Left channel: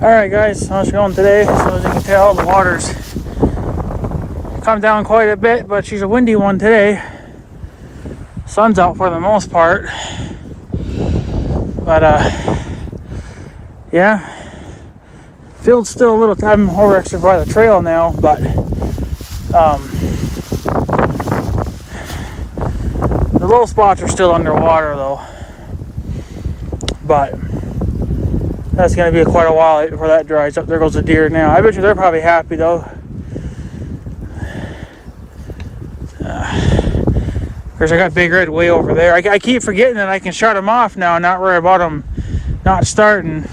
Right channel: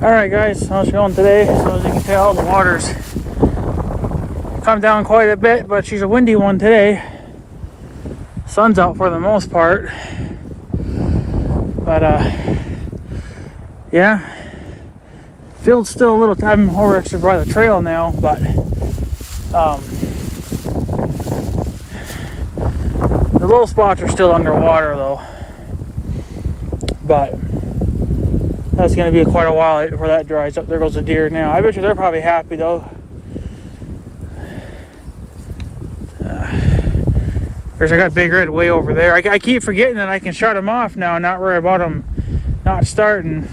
Alright guys, how's it going today? So as you can tell, the water's come down quite a bit, but she's a windy one today. Sun's out for the most part. But yeah. Field's still a little time over actually by the trail now, but the low spots are still underwater though. But that's going to be quite a while before that dries up. There goes the deer now. I bet you they're probably happy though. There's I got Big Red way over there. I keep forgetting that I can shut them off now and not worry about them not starting.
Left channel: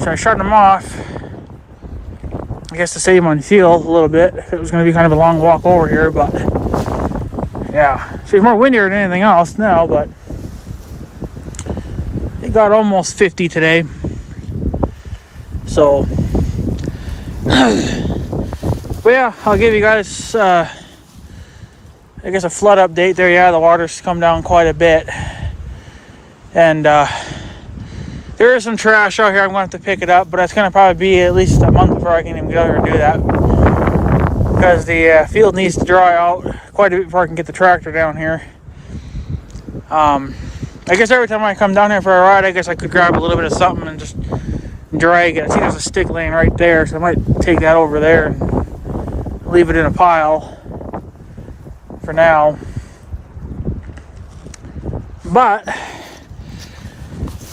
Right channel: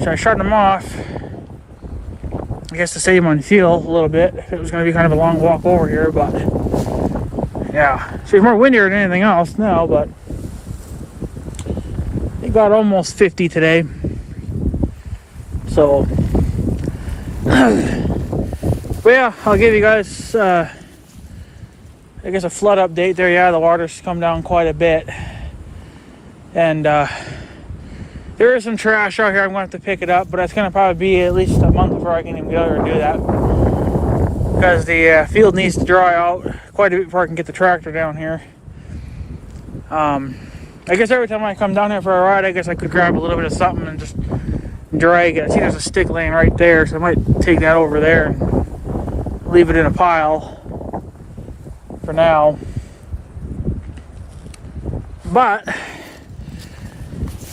So I shut them off, I guess to save on fuel a little bit. It was going to be kind of a long walk over here, but yeah. So it's more windier than anything else now, but it got almost 50 today. So, but yeah, I'll give you guys, I guess, a flood update there. Yeah, the water's come down quite a bit. And there is some trash out here. I'm going to have to pick it up, but it's going to probably be at least a month before I can even get out here and do that. Because the field needs to dry out quite a bit before I can get the tractor down here. I guess every time I come down here for a ride, I guess I could grab a little bit of something and just drag it. I see there's a stick laying right there, so I might take that over there and leave it in a pile for now. But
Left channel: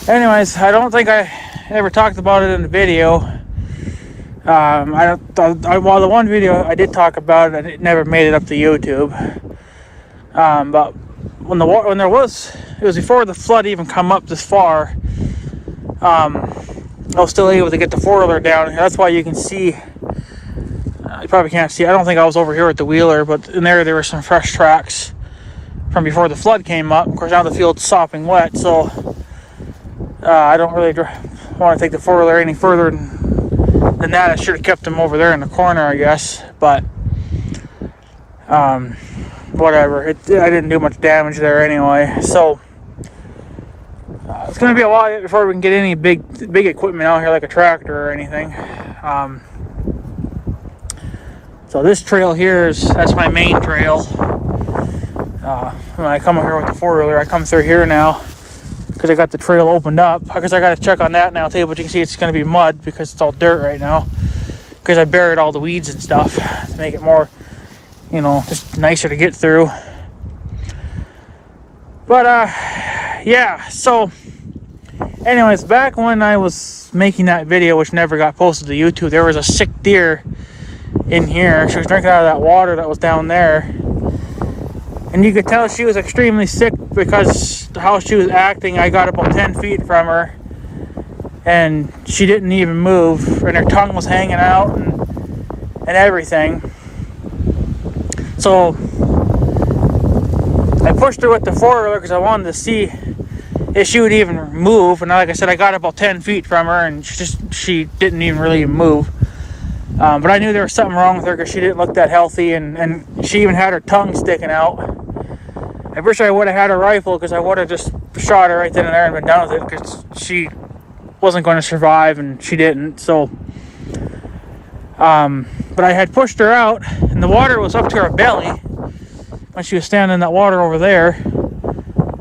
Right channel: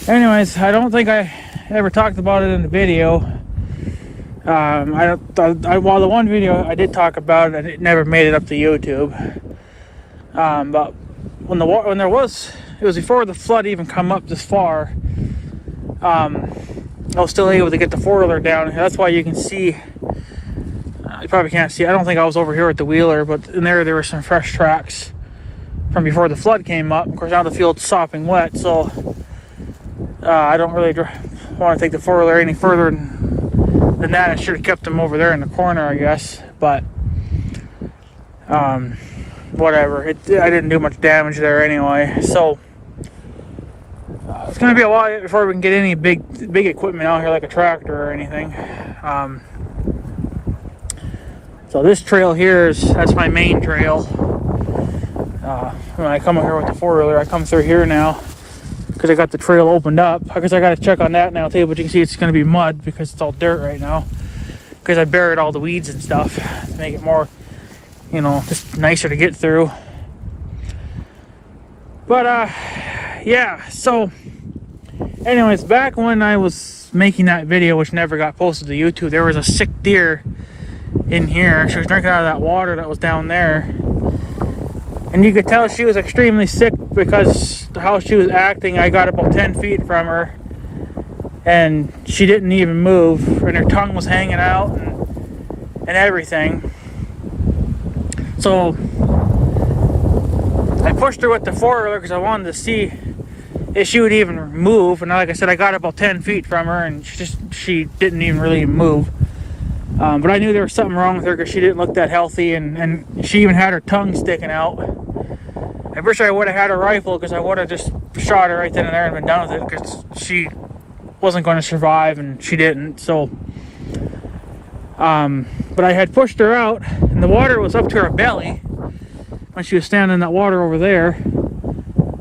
anyways, I don't think I ever talked about it in the video. Well, the one video I did talk about it, it never made it up to YouTube. But when there was, it was before the flood even come up this far. I was still able to get the four-wheeler down. That's why you can see. You probably can't see. I don't think I was over here at the wheeler, but in there were some fresh tracks from before the flood came up. Of course, now the field's sopping wet, so I don't really want to take the four-wheeler any further than that. I should have kept them over there in the corner, I guess. But whatever. I didn't do much damage there anyway. So it's going to be a while before we can get any big equipment out here, like a tractor or anything. So this trail here that's my main trail. When I come up here with the four-wheeler, I come through here now because I got the trail opened up. Because I got to check on that now too, but you can see it's going to be mud because it's all dirt right now. Because I buried all the weeds and stuff to make it more, you know, just nicer to get through. But yeah, so anyways, back when I was making that video, which never got posted to YouTube, there was a sick deer in here. She was drinking out of that water that was down there, and you could tell she was extremely sick because how she was acting. I got about 10 feet from her and she didn't even move, and her tongue was hanging out and everything. So I pushed her with the four-wheeler because I wanted to see if she would even move. And like I said, I got about 10 feet from her, and she didn't even really move. But I knew there was something wrong with her because she didn't look that healthy, and she even had her tongue sticking out. I wish I would have had a rifle because I would have just shot her right then and there and been done with it, because she wasn't going to survive, and she didn't. So, but I had pushed her out, and the water was up to her belly when she was standing in that water over there.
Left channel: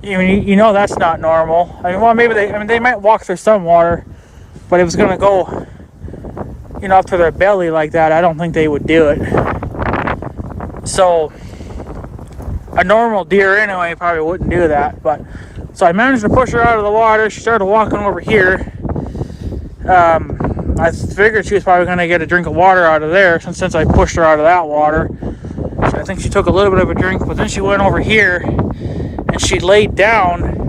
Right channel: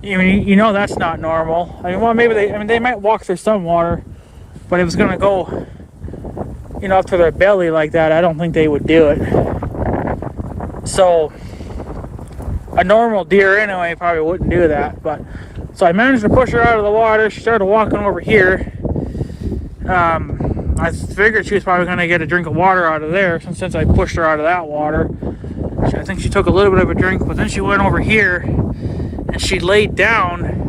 I mean, you know that's not normal. I mean, well, maybe they might walk through some water, but it was going to go, you know, up to their belly like that. I don't think they would do it. So a normal deer anyway probably wouldn't do that. But so I managed to push her out of the water. She started walking over here. I figured she was probably going to get a drink of water out of there since I pushed her out of that water. So I think she took a little bit of a drink, but then she went over here and she laid down.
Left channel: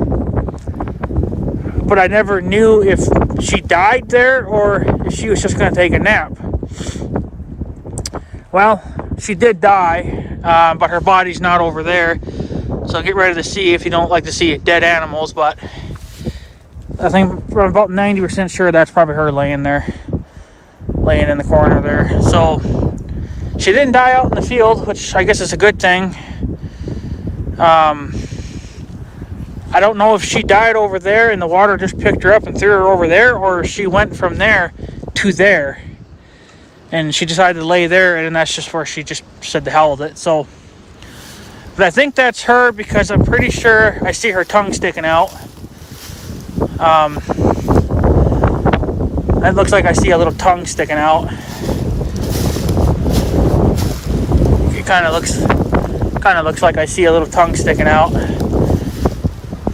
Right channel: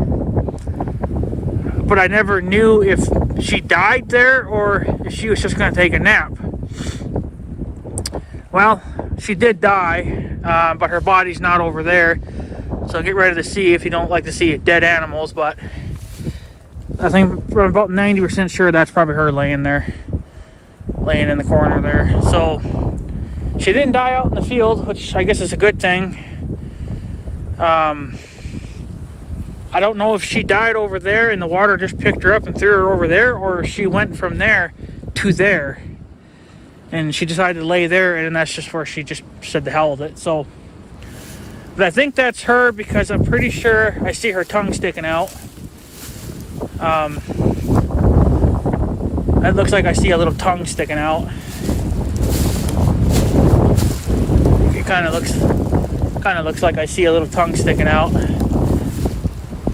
But I never knew if she died there or if she was just going to take a nap. Well, she did die, but her body's not over there. So get ready to see if you don't like to see dead animals. But I think I'm about 90% sure that's probably her laying there, laying in the corner there. So she didn't die out in the field, which I guess is a good thing. I I don't know if she died over there and the water just picked her up and threw her over there, or she went from there to there and she decided to lay there, and that's just where she just said the hell with it. So, but I think that's her because I'm pretty sure I see her tongue sticking out. It looks like I see a little tongue sticking out. It kind of looks like I see a little tongue sticking out.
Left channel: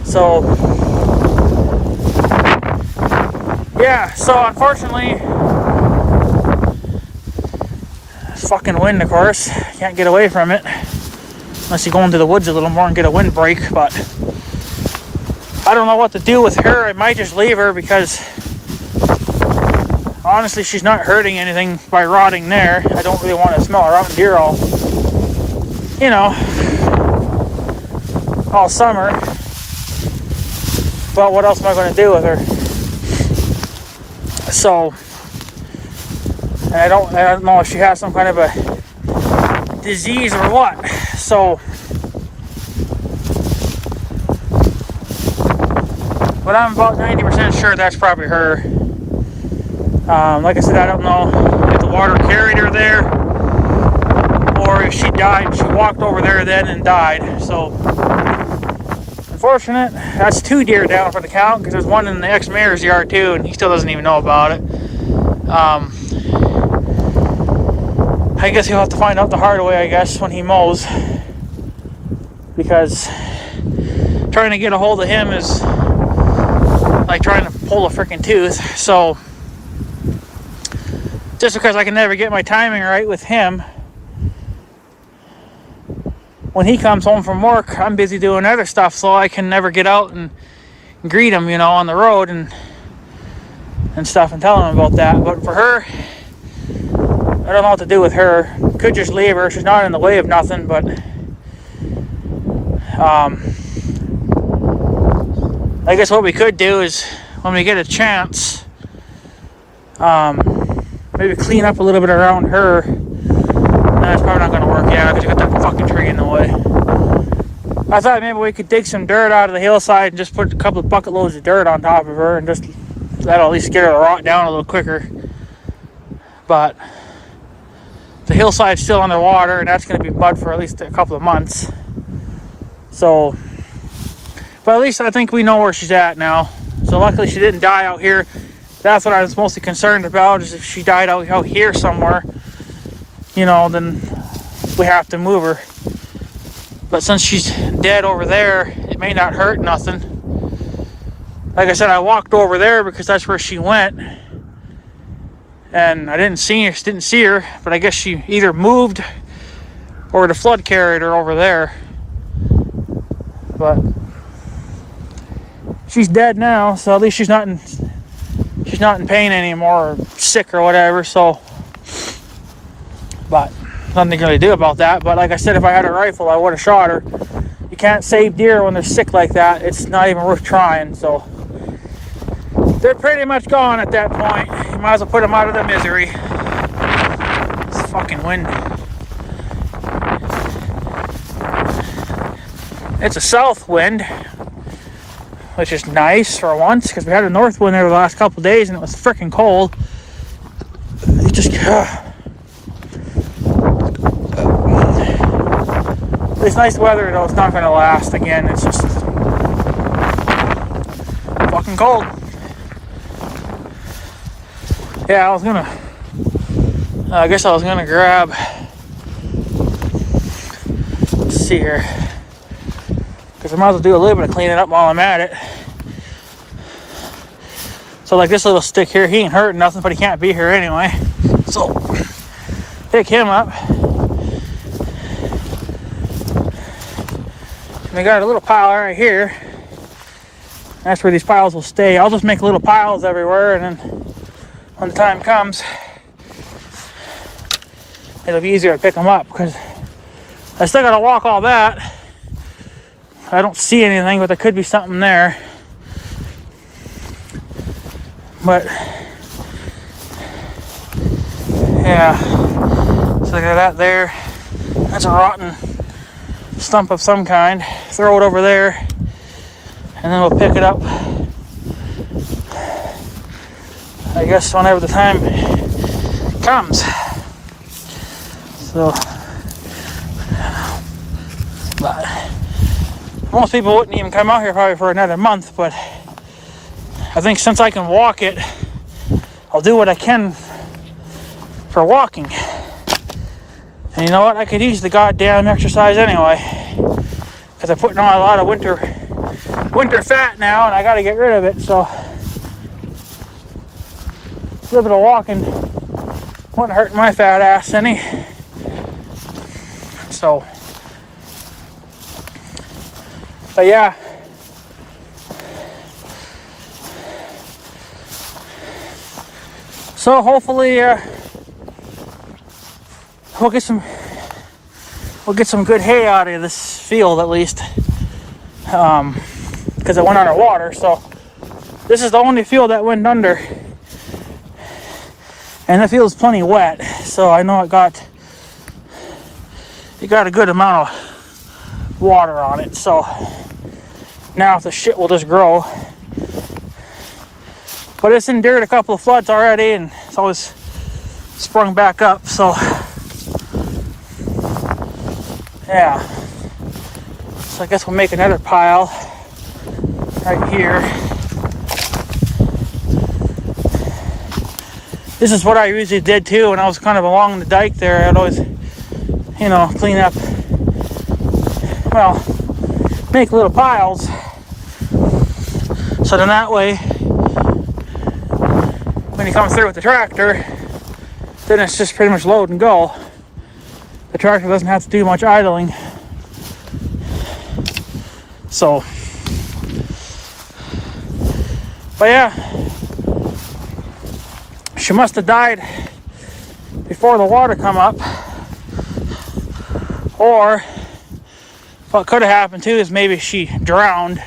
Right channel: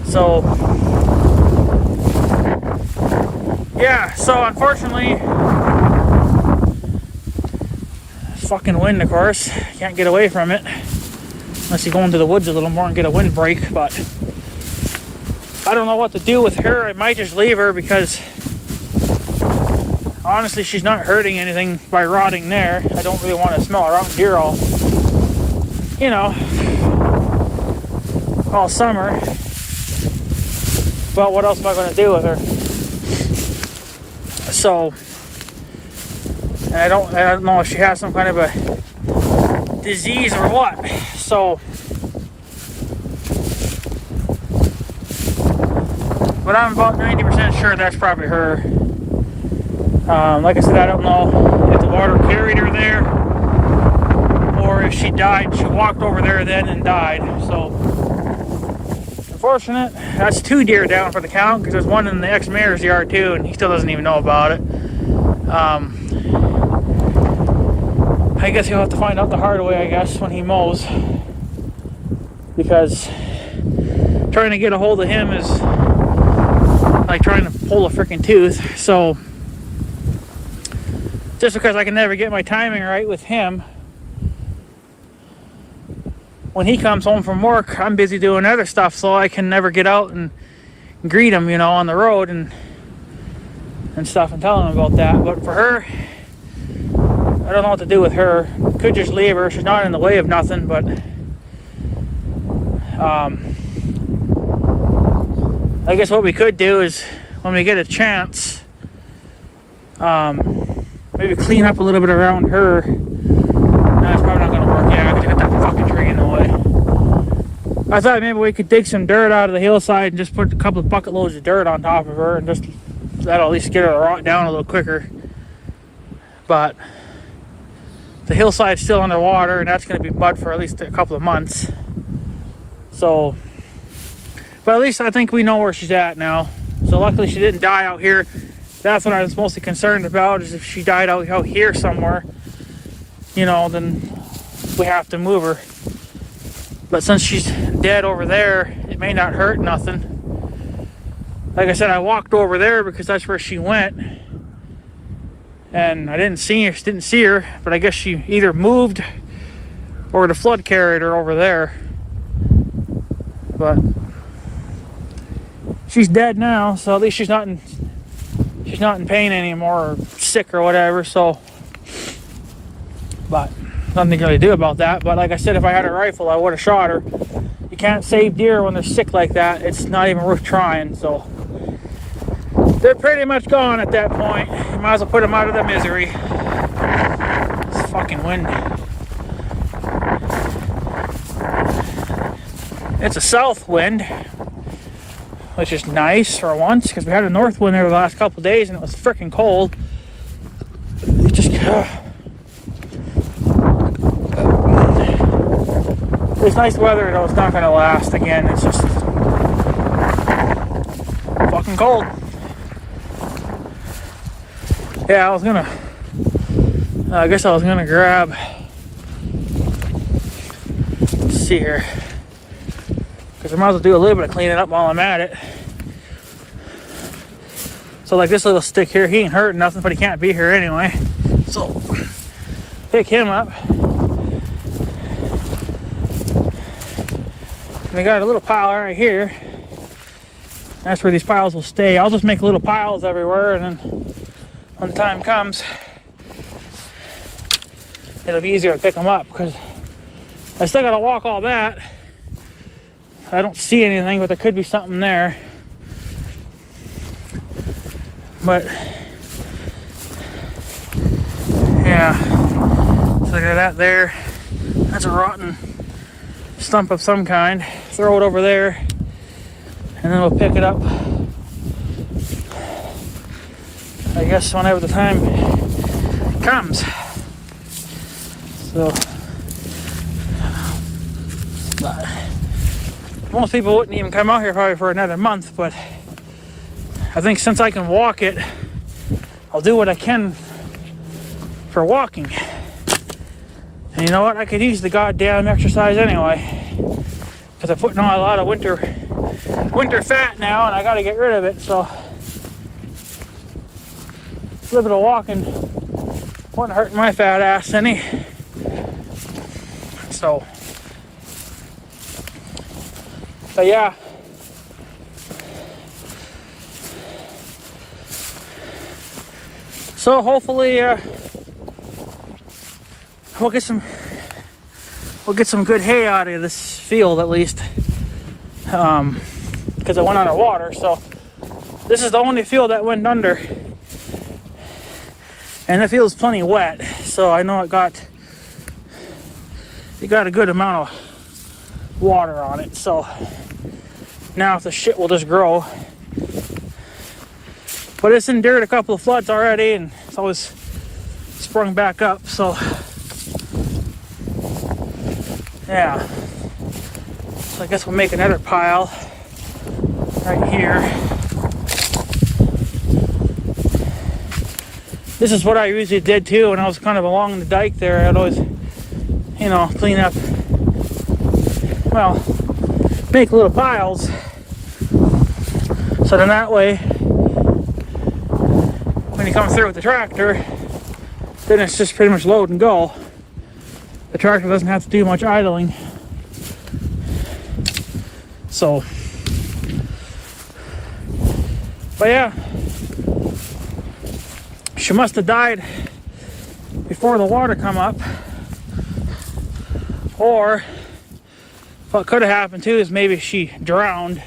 So yeah, so unfortunately, fucking wind, of course, can't get away from it unless you go into the woods a little more and get a windbreak. But I don't know what to do with her. I might just leave her because honestly, she's not hurting anything by rotting there. I don't really want to smell a rotten deer all, you know, all summer. But what else am I going to do with her? So, and I don't know if she has some kind of a disease or what. So, but I'm about 90% sure that's probably her. Like I said, I don't know if the water carried her there or if she died. She walked over there then and died. So, unfortunate. That's 2 deer down for the count because there's one in the ex-mayor's yard too, and he still doesn't even know about it. I guess he'll have to find out the hard way, I guess, when he mows, because trying to get a hold of him is like trying to pull a freaking tooth. So just because I can never get my timing right with him, when he comes home from work, I'm busy doing other stuff, so I can never get out and greet him, you know, on the road and stuff and tell him about that. But for her, I don't know what to do with her. Could just leave her. She's not in the way of nothing, but I guess what we could do is when we get a chance, maybe clean up a little bit around her. That's probably not going to work, yeah, because you got that fucking tree in the way. I thought maybe we could dig some dirt out of the hillside and just put a couple of bucket loads of dirt on top of her, and just that'll at least get her to rot down a little quicker. But the hillside's still underwater, and that's going to be mud for at least a couple of months. So, but at least I think we know where she's at now. So luckily she didn't die out here. That's what I was mostly concerned about, is if she died out here somewhere, you know, then we have to move her. But since she's dead over there, it may not hurt nothing. Like I said, I walked over there because that's where she went, and I didn't see her, but I guess she either moved or the flood carried her over there. But she's dead now, so at least she's not in pain anymore or sick or whatever. So, but nothing to really do about that. But like I said, if I had a rifle, I would have shot her. You can't save deer when they're sick like that. It's not even worth trying. So they're pretty much gone at that point. You might as well put them out of their misery. It's fucking wind. It's a south wind, which is nice for once, because we had a north wind there the last couple of days and it was freaking cold. It just it's nice weather, though. It's not going to last again. It's just fucking cold. Yeah, I guess I was gonna grab, let's see here, because I might as well do a little bit of cleaning up while I'm at it. So like this little stick here, he ain't hurting nothing, but he can't be here anyway. So pick him up. And I got a little pile right here. That's where these piles will stay. I'll just make little piles everywhere, and then when the time comes, it'll be easier to pick them up, because I still gotta walk all that. I don't see anything, but there could be something there. But yeah, so I got that there. That's a rotten stump of some kind. Throw it over there. and then we'll pick it up, I guess, whenever the time comes. So, but most people wouldn't even come out here probably for another month, but I think since I can walk it, I'll do what I can for walking. And you know what? I could use the goddamn exercise anyway, because I'm putting on a lot of winter fat now, and I got to get rid of it. So a little bit of walking wouldn't hurt my fat ass any. So, but yeah. So hopefully we'll get some good hay out of this field at least, because it went underwater. So this is the only field that went under, and the field's plenty wet. So I know it got a good amount of water on it. So now if the shit will just grow. But it's endured a couple of floods already, and it's always sprung back up, so yeah. So I guess we'll make another pile right here. This is what I usually did too when I was kind of along the dike there. I'd always, you know, clean up, well, make little piles. So then that way, when you come through with the tractor, then it's just pretty much load and go. The tractor doesn't have to do much idling. So, but yeah, she must have died before the water come up. Or what could have happened too is maybe she drowned.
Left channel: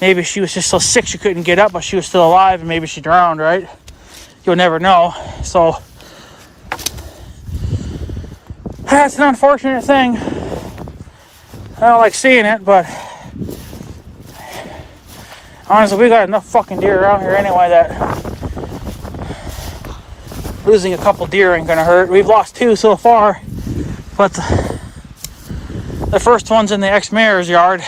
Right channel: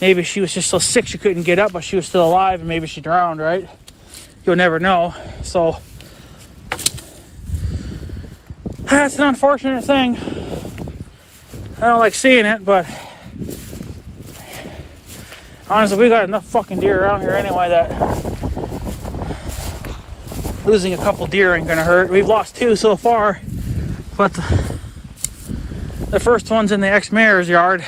Maybe she was just so sick she couldn't get up, but she was still alive, and maybe she drowned, right? You'll never know. So that's an unfortunate thing. I don't like seeing it, but honestly, we got enough fucking deer around here anyway that losing a couple deer ain't gonna hurt. We've lost 2 so far, but the first one's in the ex-mayor's yard.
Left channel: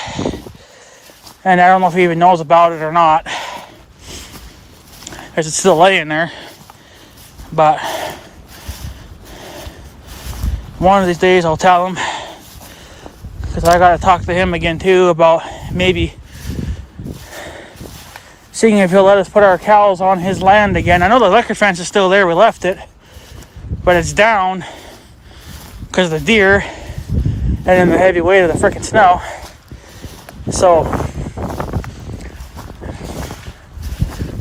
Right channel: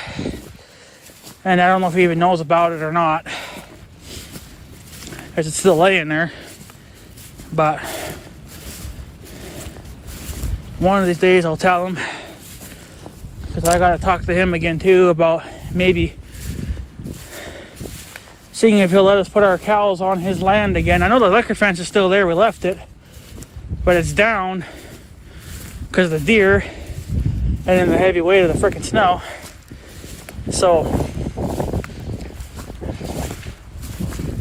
And I don't know if he even knows about it or not, because it's still laying there. But one of these days I'll tell him, because I got to talk to him again too about maybe seeing if he'll let us put our cows on his land again. I know the electric fence is still there, we left it, but it's down because of the deer and then the heavy weight of the freaking snow. So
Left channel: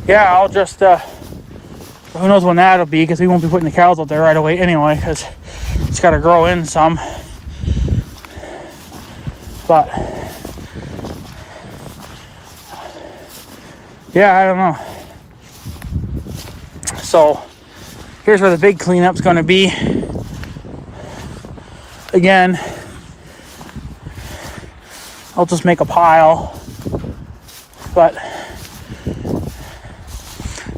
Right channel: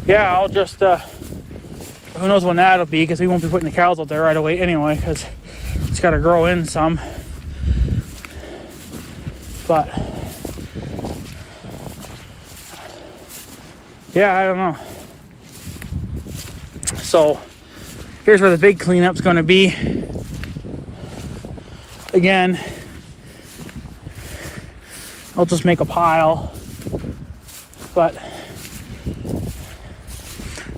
yeah, I'll just, who knows when that'll be, because we won't be putting the cows out there right away anyway, because it's got to grow in some. But yeah, I don't know. So here's where the big cleanup's going to be. Again, I'll just make a pile, but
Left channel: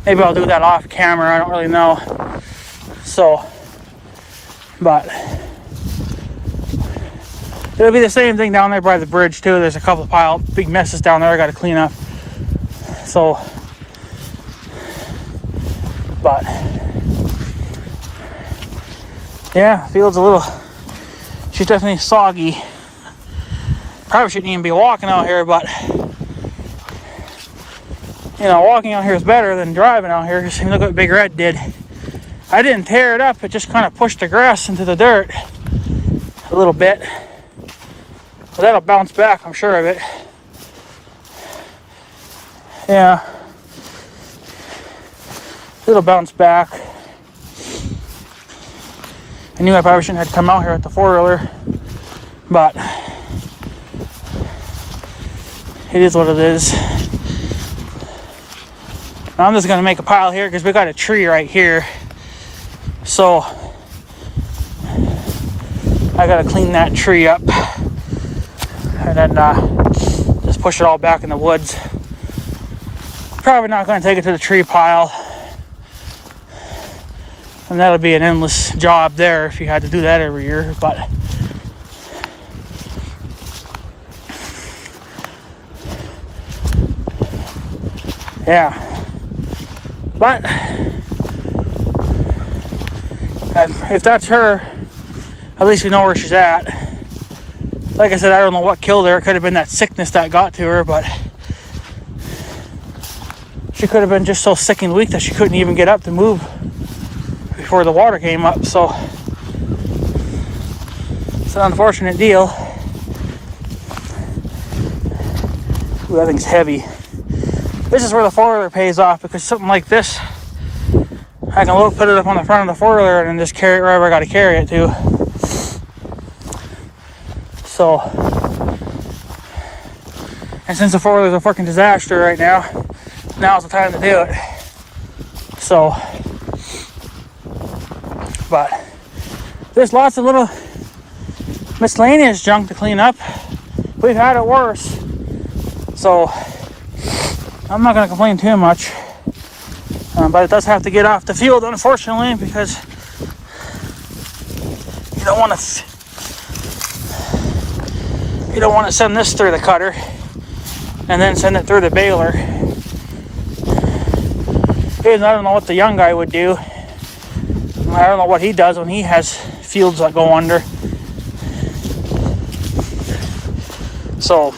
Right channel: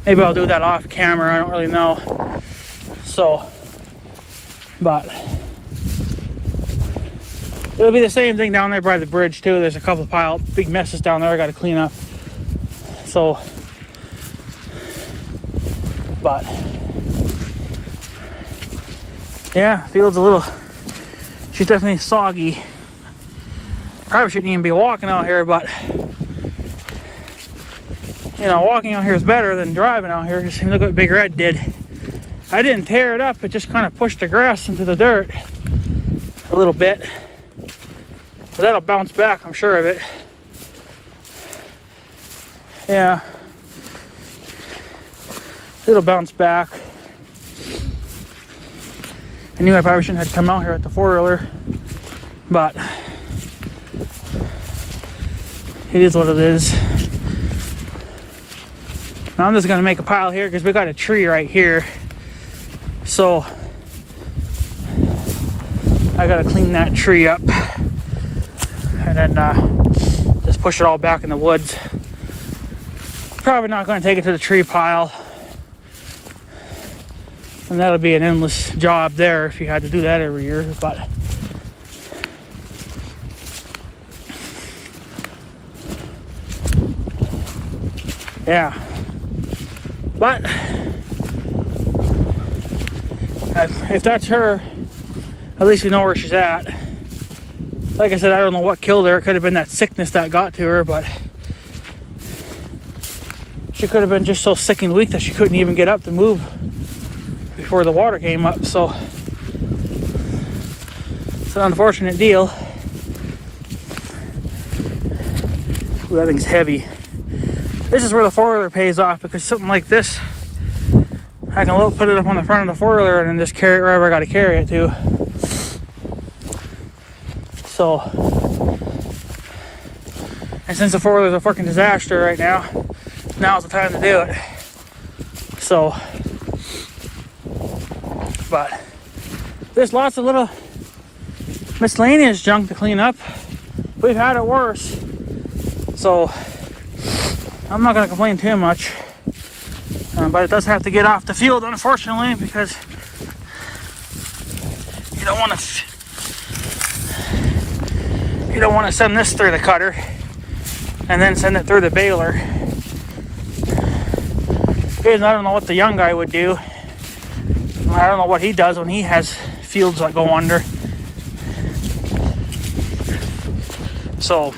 maybe I'll do that off camera, I don't really know. So, but it'll be the same thing down there by the bridge too. There's a couple of big messes down there I gotta clean up. So, but yeah, field's a little, she's definitely soggy. Probably shouldn't even be walking out here, but you know, walking out here is better than driving out here. Just look what Big Red did. I didn't tear it up, it just kind of pushed the grass into the dirt a little bit. But that'll bounce back, I'm sure of it. Yeah. It'll bounce back. I knew I probably shouldn't have come out here with the 4-wheeler, but it is what it is. Now I'm just gonna make a pile here because we got a tree right here. So I gotta clean that tree up and then just just push it all back in the woods. Probably not going to take it to the tree pile. And that'll be an endless job there if you had to do that every year. But yeah. But if that's her, at least we know where she's at. Like I said, I don't know what killed her. It could have been that sickness that got to her, but she could have been just so sick and weak that she couldn't even get up to move before the water came up. So it's an unfortunate deal. Ooh, that thing's heavy. This is where the four-wheeler pays off, because something like this, I can put it up on the front of the four-wheeler and then just carry it wherever I got to carry it to. So, and since the four-wheeler's a fucking disaster right now, now's the time to do it. So, but there's lots of little miscellaneous junk to clean up. We've had it worse. So, I'm not going to complain too much. But it does have to get off the field, unfortunately, because you don't want to send this through the cutter and then send it through the baler. I don't know what the young guy would do. I don't know what he does when he has fields that go under. So,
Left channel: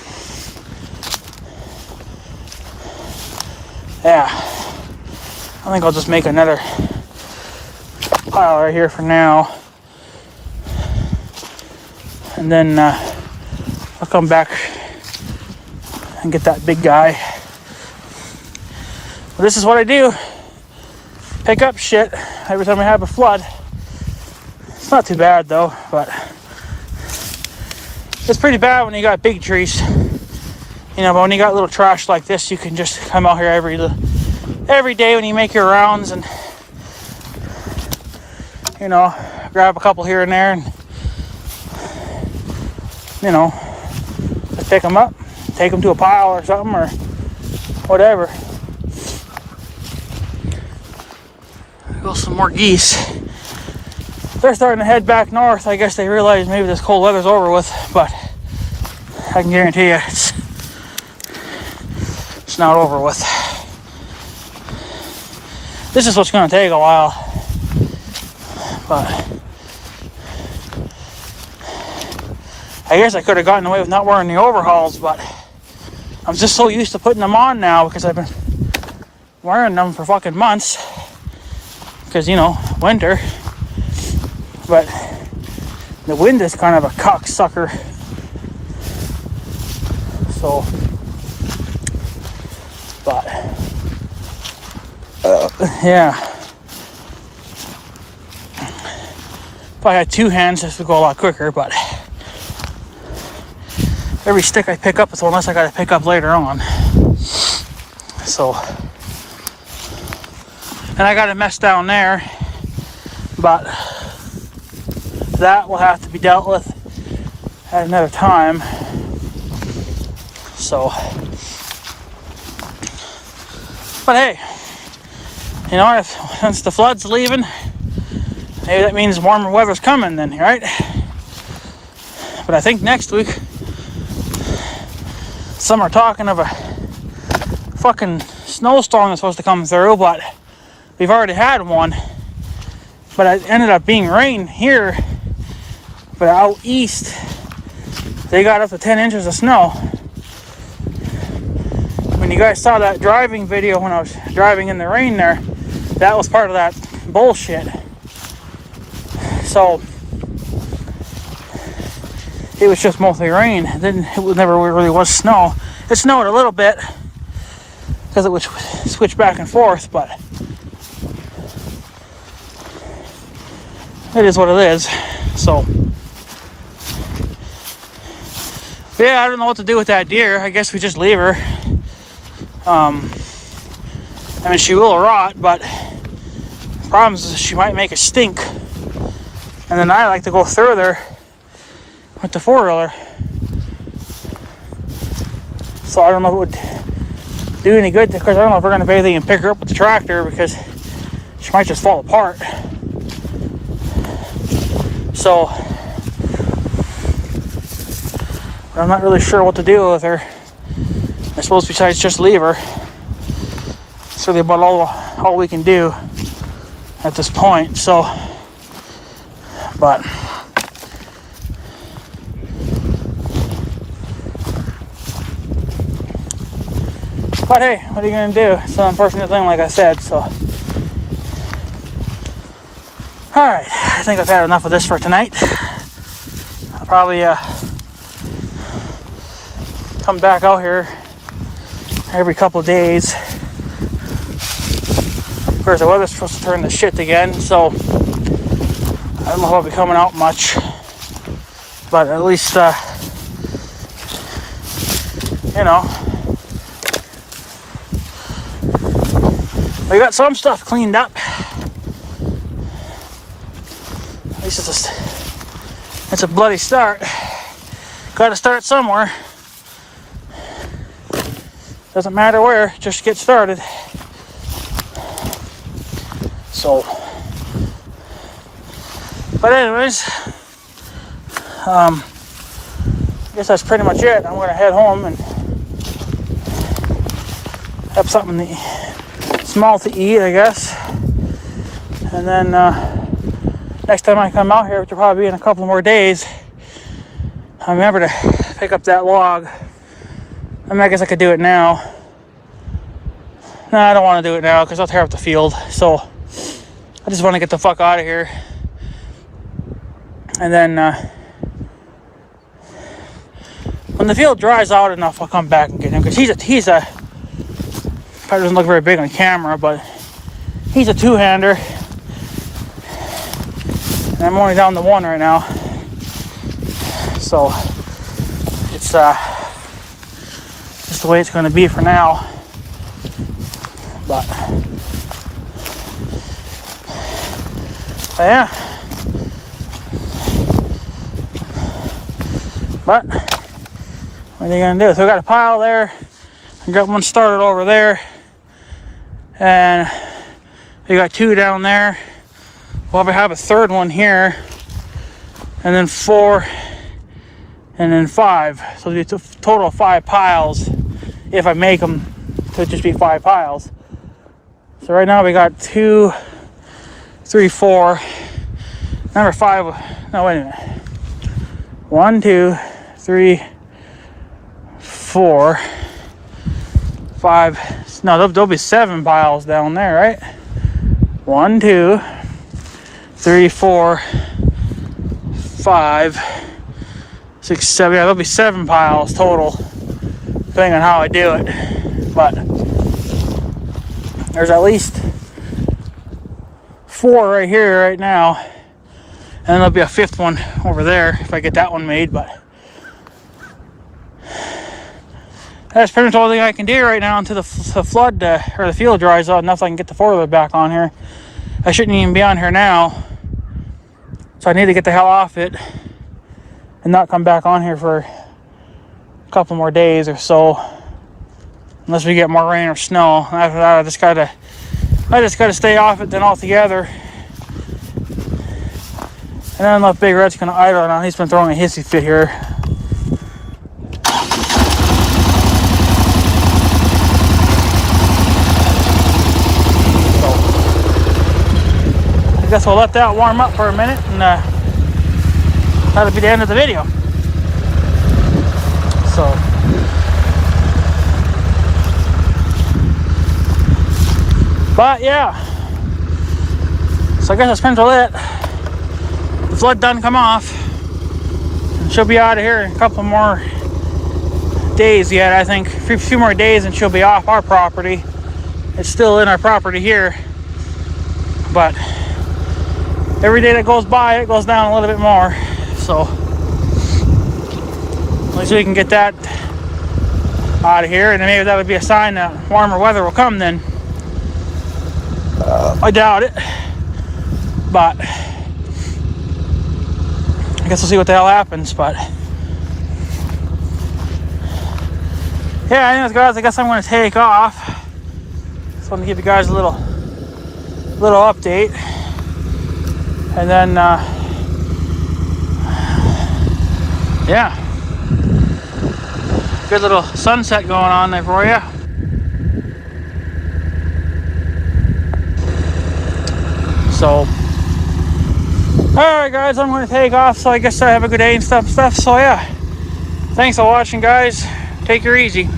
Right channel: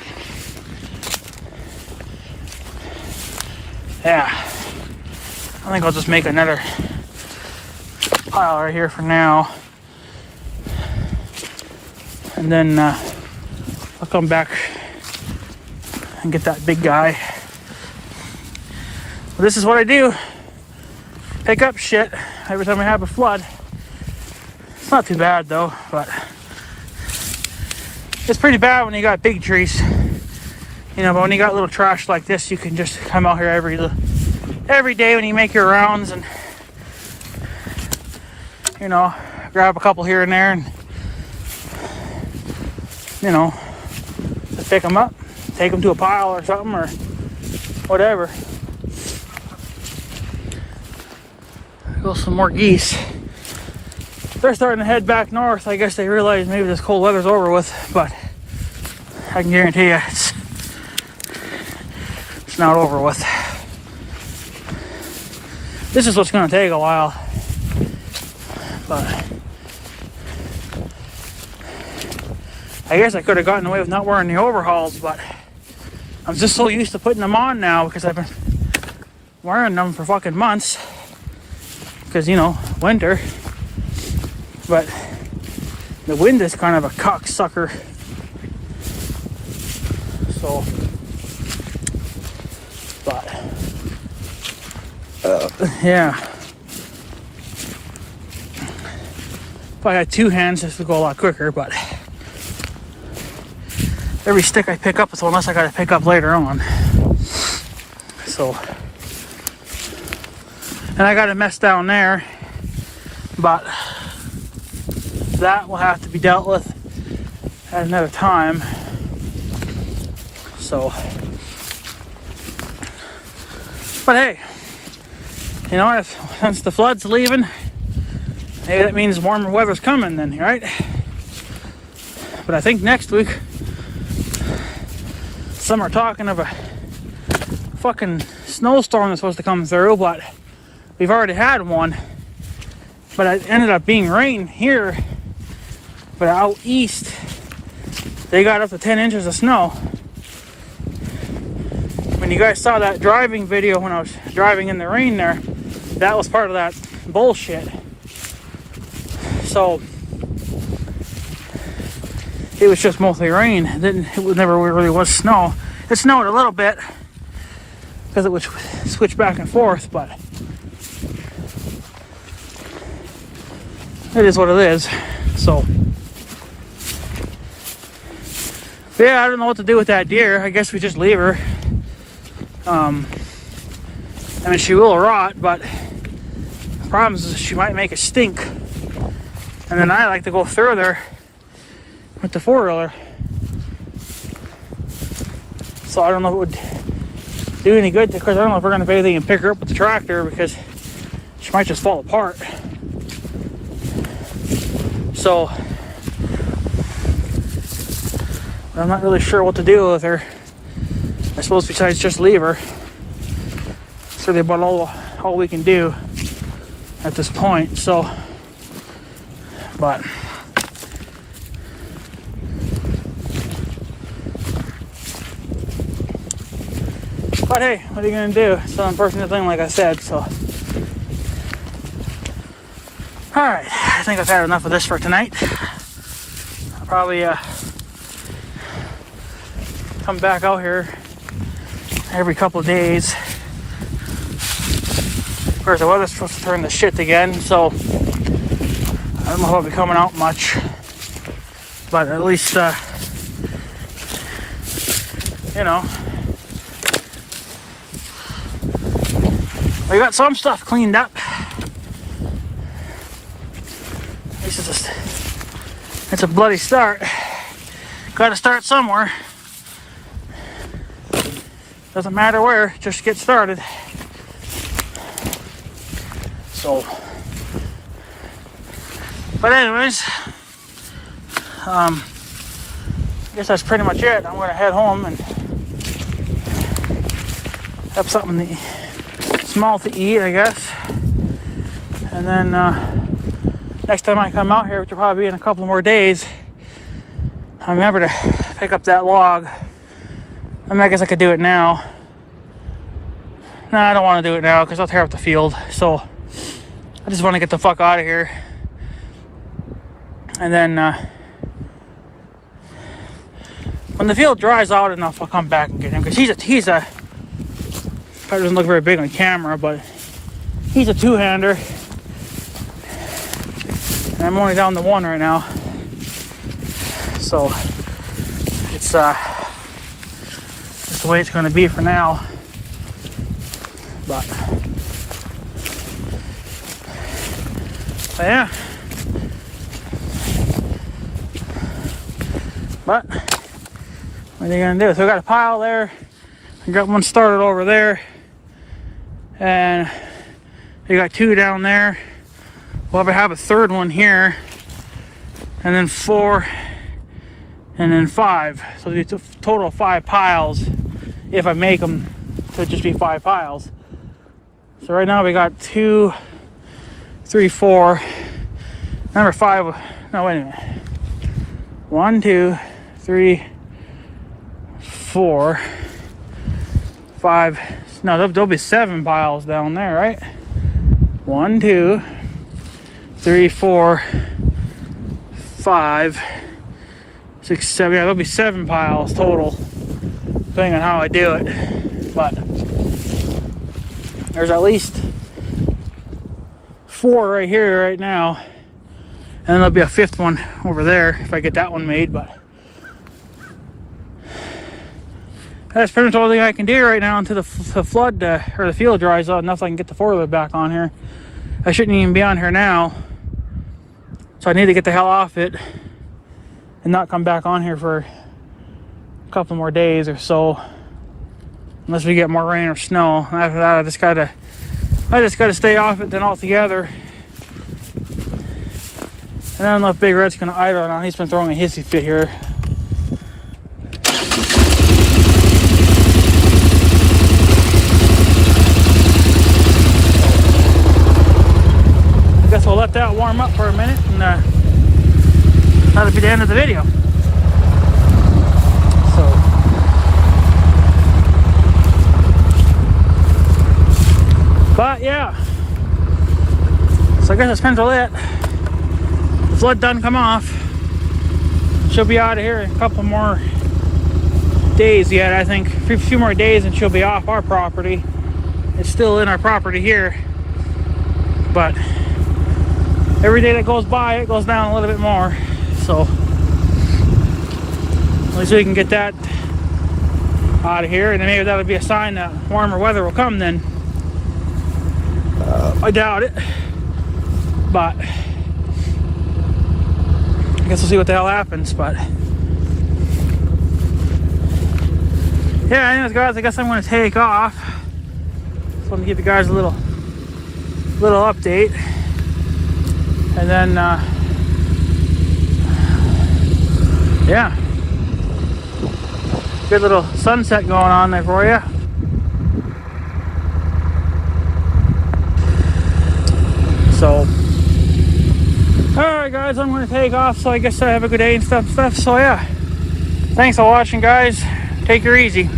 yeah, I think I'll just make another pile right here for now. And then I'll come back and get that big guy. Well, this is what I do. Pick up shit every time I have a flood. It's not too bad though, but it's pretty bad when you got big trees. You know, but when you got little trash like this, you can just come out here every day when you make your rounds and, you know, grab a couple here and there and, you know, just pick them up, take them to a pile or something or whatever. Go some more geese. They're starting to head back north. I guess they realize maybe this cold weather's over with, but I can guarantee you it's not over with. This is what's going to take a while, but I guess I could have gotten away with not wearing the overhauls, but I'm just so used to putting them on now because I've been wearing them for fucking months because, you know, winter. But the wind is kind of a cocksucker. So, but yeah. If I had two hands, this would go a lot quicker, but every stick I pick up is one less I gotta pick up later on. So, and I got a mess down there, but that will have to be dealt with at another time. So, but hey, you know, since the flood's leaving, maybe that means warmer weather's coming then, right? But I think next week, some are talking of a fucking snowstorm that's supposed to come through, but we've already had one. But it ended up being rain here. But out east, they got up to 10 inches of snow. When you guys saw that driving video when I was driving in the rain there, that was part of that bullshit. So it was just mostly rain. It never really was snow. It snowed a little bit because it would switch back and forth, but it is what it is. So yeah, I don't know what to do with that deer. I guess we just leave her. I mean, she will rot, but the problem is she might make a stink. And then I like to go further with the four-wheeler. So I don't know if it would do any good. Because I don't know if we're going to pay anything and pick her up with the tractor, because she might just fall apart. So I'm not really sure what to do with her. I suppose besides just leave her. It's really about all we can do at this point. So, but hey, what are you gonna do? It's an unfortunate thing, like I said. So, all right, I think I've had enough of this for tonight. I'll probably come back out here every couple of days. Of course, the weather's supposed to turn to shit again, so I don't know if I'll be coming out much. But at least, you know, we got some stuff cleaned up. It's a bloody start. Got to start somewhere. Doesn't matter where, just get started. So, but anyways, I guess that's pretty much it. I'm gonna head home and have something small to eat, I guess. And then next time I come out here, which will probably be in a couple more days, I'll remember to pick up that log. I mean, I guess I could do it now. No, I don't want to do it now because I'll tear up the field. So I just want to get the fuck out of here. And then when the field dries out enough, I'll come back and get him. Because he's a probably doesn't look very big on camera, but he's a two-hander. And I'm only down to one right now. So it's just the way it's going to be for now. But yeah. But what are you going to do? So we got a pile there. I got one started over there. And we got two down there. We'll have a third one here. And then 4. And then 5. So it's a total of 5 piles. If I make them, it could just be 5 piles. So right now we got 2, 3, 4. Number 5. No, wait a minute. 1, 2, 3, 4, 5. No, there'll be 7 piles down there, right? 1, 2, 3, 4, 5, 6, 7. Yeah, there'll be 7 piles total, depending on how I do it. But there's at least 4 right here right now, and then there'll be a 5th one over there if I get that one made. But that's pretty much all thing I can do right now until the flood or the field dries out, unless I can get the 4-wheeler back on here. I shouldn't even be on here now, so I need to get the hell off it and not come back on here for a couple more days or so, unless we get more rain or snow. After that, I just gotta stay off it then altogether. And then let Big Red's gonna idle now. He's been throwing a hissy fit here. I guess we'll let that warm up for a minute, and that'll be the end of the video. So, but yeah, so I guess that's pretty much it. The flood done come off. She'll be out of here in a couple more days yet, I think. A few more days and she'll be off our property. It's still in our property here, but every day that goes by, it goes down a little bit more. So at least we can get that out of here, and then maybe that would be a sign that warmer weather will come then. I doubt it, but I guess we'll see what the hell happens. But yeah, anyways, guys, I guess I'm going to take off. Just want to give you guys a little update, and then yeah, good little sunset going on there for you. So, alright guys, I'm going to take off, so I guess I have a good day and stuff. So yeah, thanks for watching, guys. Take her easy.